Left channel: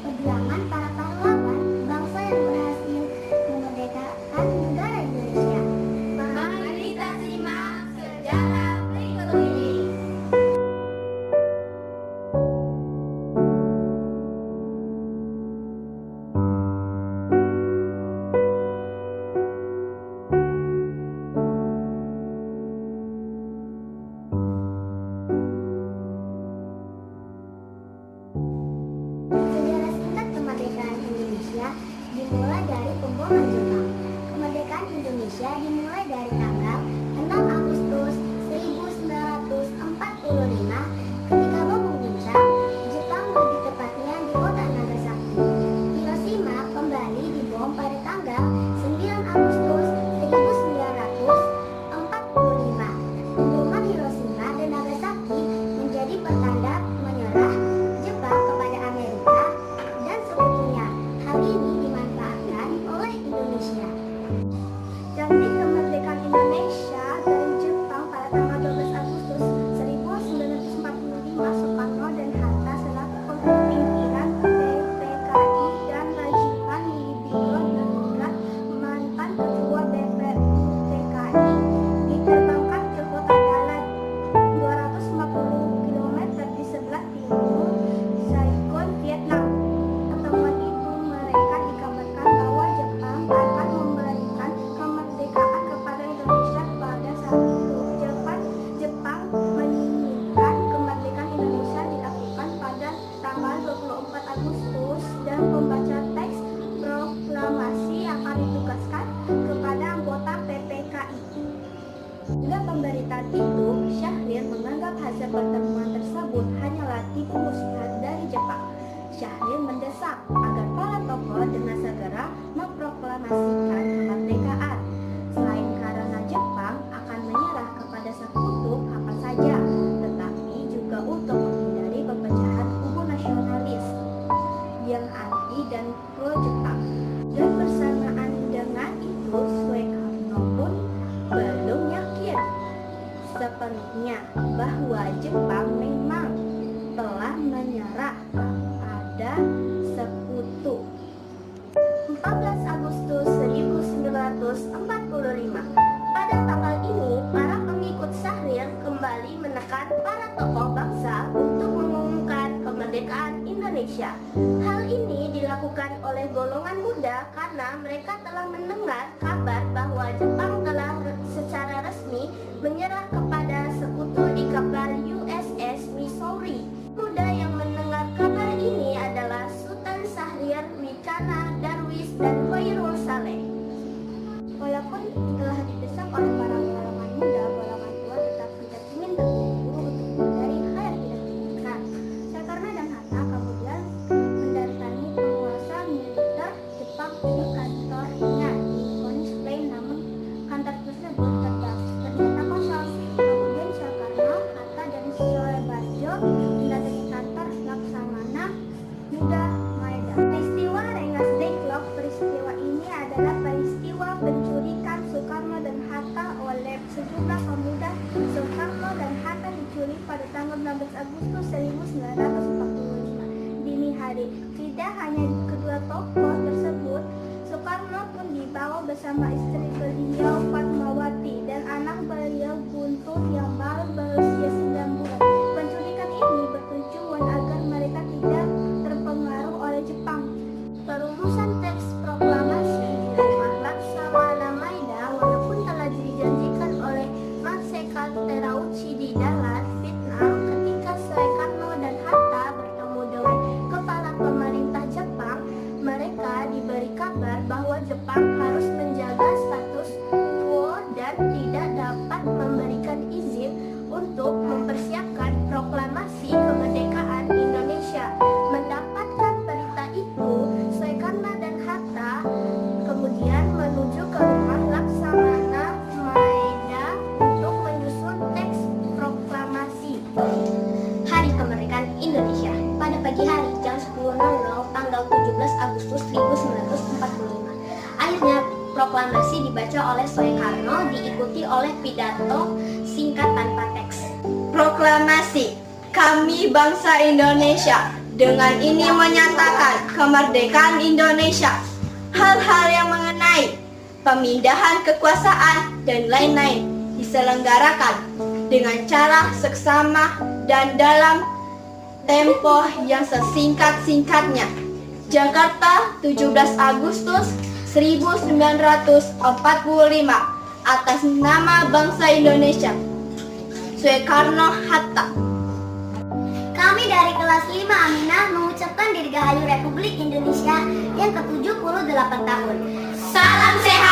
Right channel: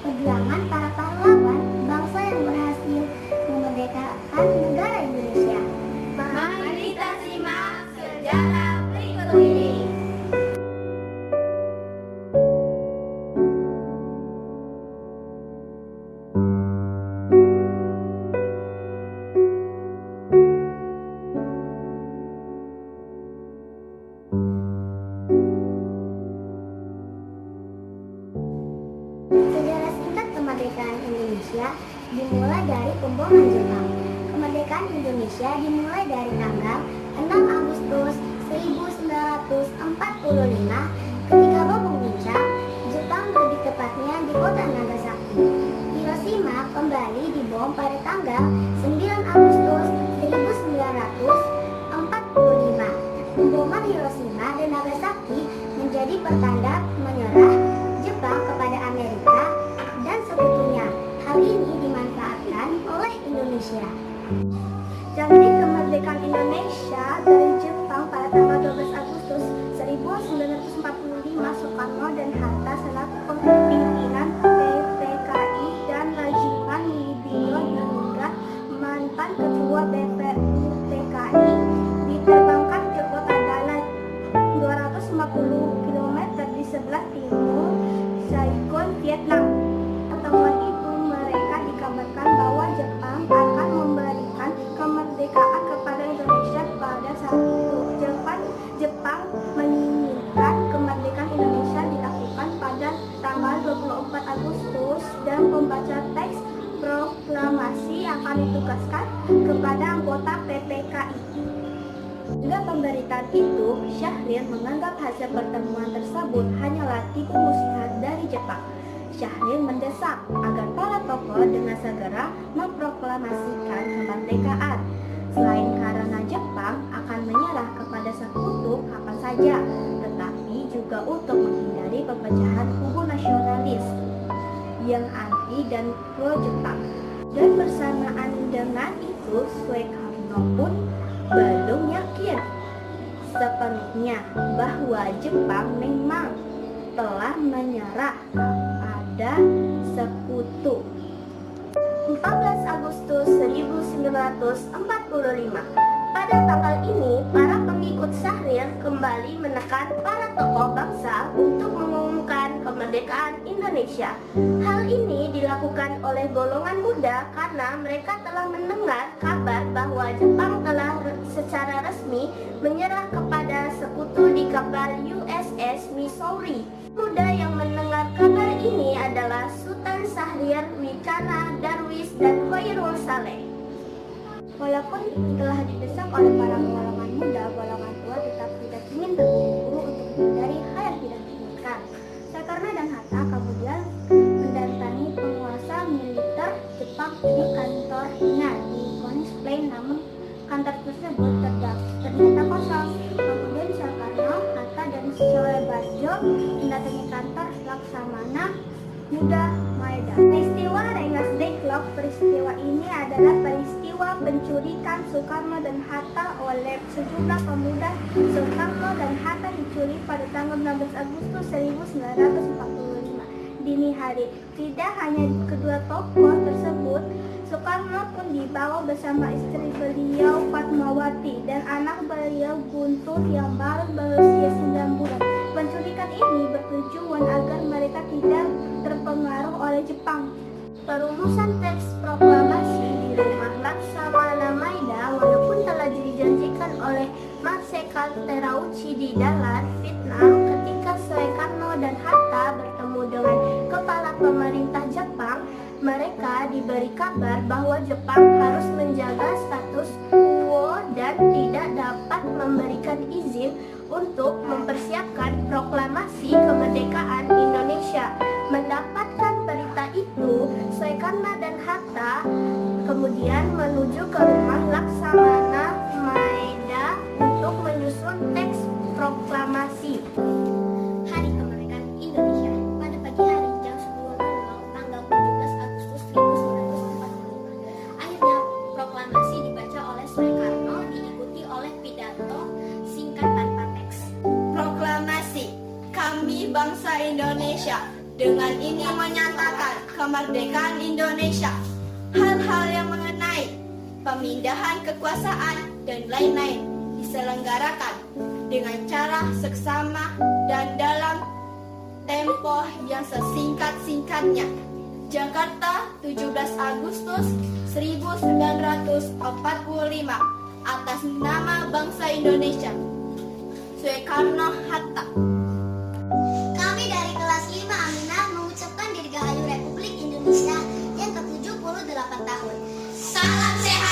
perjuangan para pahlawan bangsa yang berhasil memerdekakan negara Indonesia. Mari kita simak sejarah berikut ini. Sejarah singkat kemerdekaan Indonesia dimulai dari pemboman Jepang. Kemerdekaan Indonesia dimulai dari tanggal 6 Agustus 1945 ketika bom mengguncang Jepang, lebih tepatnya di kota Nagasaki. Hiroshima kembali dibom pada tanggal 9 Agustus 1945. Pemboman Hiroshima dan Nagasaki menjadi pertanda menyerah Jepang kepada Amerika dan sekutunya. Hal ini dimanfaatkan oleh Indonesia. Janji kemerdekaan Indonesia dari Jepang pada tanggal 12 Agustus 1945, Soekarno dan Hatta selaku pimpinan PPKI dan Rajiman Widyo Diningrat, mantan ketua BPU PKI, diterbangkan ke kota Dalat 250 km di sebelah timur Saigon, Vietnam. Pertemuan itu mereka dikabarkan bahwa Jepang akan memberikan kemerdekaan kepada Indonesia pada saat itu. Jepang menginginkan kemerdekaan Indonesia dilakukan pada tanggal 24 Agustus dan pembaca teks proklamasi akan ditugaskan kepada anggota PPKI. Hingga pemberitaan itu, Syahrir menganggap hasil pertemuan tersebut hanyalah tipu muslihat dari Jepang. Syahrir mendesak agar para tokoh dengan segera memproklamasikan kemerdekaan. Selain karena Jepang akan menyerah kepada sekutu kapan saja, tetapi juga untuk menghindari perpecahan kubu nasionalis yang anti dan pro Jepang. Dan bersamaan dengan itu, Soekarno pun belum yakin sepenuhnya bahwa Jepang memang telah menyerah kepada sekutu. 14 Agustus 1945. Pada tanggal ini, para pengikut Syahrir kembali menekan para tokoh bangsa untuk mengumumkan kemerdekaan Indonesia. Hal ini dilakukan oleh golongan muda karena mereka telah mendengar kabar bahwa Jepang telah secara resmi menyerah kepada sekutu di kapal USS Missouri. Muda yang mendengar kabar ini adalah Sultan Syahrir, Wicana Darwis, dan Khairul Saleh. Walaupun telah didesak oleh para golongan muda, golongan tua tetap tidak ingin terburu-buru untuk menghindari hal yang tidak diinginkan. Soekarno dan Hatta kemudian mendatangi penguasa militer Jepang di kantornya di Konings Plain, namun kantor tersebut ternyata kosong. Kemudian Soekarno, Hatta, dan Soebarjo mendatangi kantor Laksamana Muda Maeda. Peristiwa Rengas Dengklok. Peristiwa ini adalah peristiwa penculikan Soekarno dan Hatta oleh sejumlah pemuda. Soekarno dan Hatta diculik pada tanggal 16 Agustus 1945 dini hari. Tidak hanya kedua tokoh tersebut, Soekarno pun dibawa bersama istri beliau Fatmawati dan anak beliau Guntur yang baru berusia 9 bulan. Penculikan ini bertujuan agar mereka tidak terpengaruh oleh Jepang. Perumusan teks proklamasi di rumah Laksamana Maeda walaupun telah dijanjikan oleh Marsekal Terauchi di Dalat, Vietnam, ketika Soekarno dan Hatta bertemu dengan kepala pemerintah Jepang, mereka diberi kabar bahwa Jepang harus menjaga status quo dan tidak dapat memberikan izin untuk mempersiapkan proklamasi kemerdekaan Indonesia. Mendapatkan berita itu, Soekarno dan Hatta kemudian menuju ke rumah Laksamana Maeda untuk menyusun teks proklamasi. Hari kemerdekaan Indonesia. Pada pagi hari jam 10.00 tanggal 17 Agustus 1945. Akhirnya proklamasi dibaca oleh Soekarno diikuti oleh pidato singkat tanpa teks. Proklamasi. Kami bangsa Indonesia Dengan ini menyatakan kemerdekaan Indonesia. Hal-hal yang mengenai pemindahan kekuasaan dan lain-lain diselenggarakan dengan cara seksama dan dalam tempo yang sesingkat-singkatnya. Jakarta, 17 Agustus 1945, atas nama bangsa Indonesia. Soekarno-Hatta. Kami dari kelas 5 Aminah mengucapkan Dirgahayu Republik Indonesia yang ke-78 tahun. Salam sehat.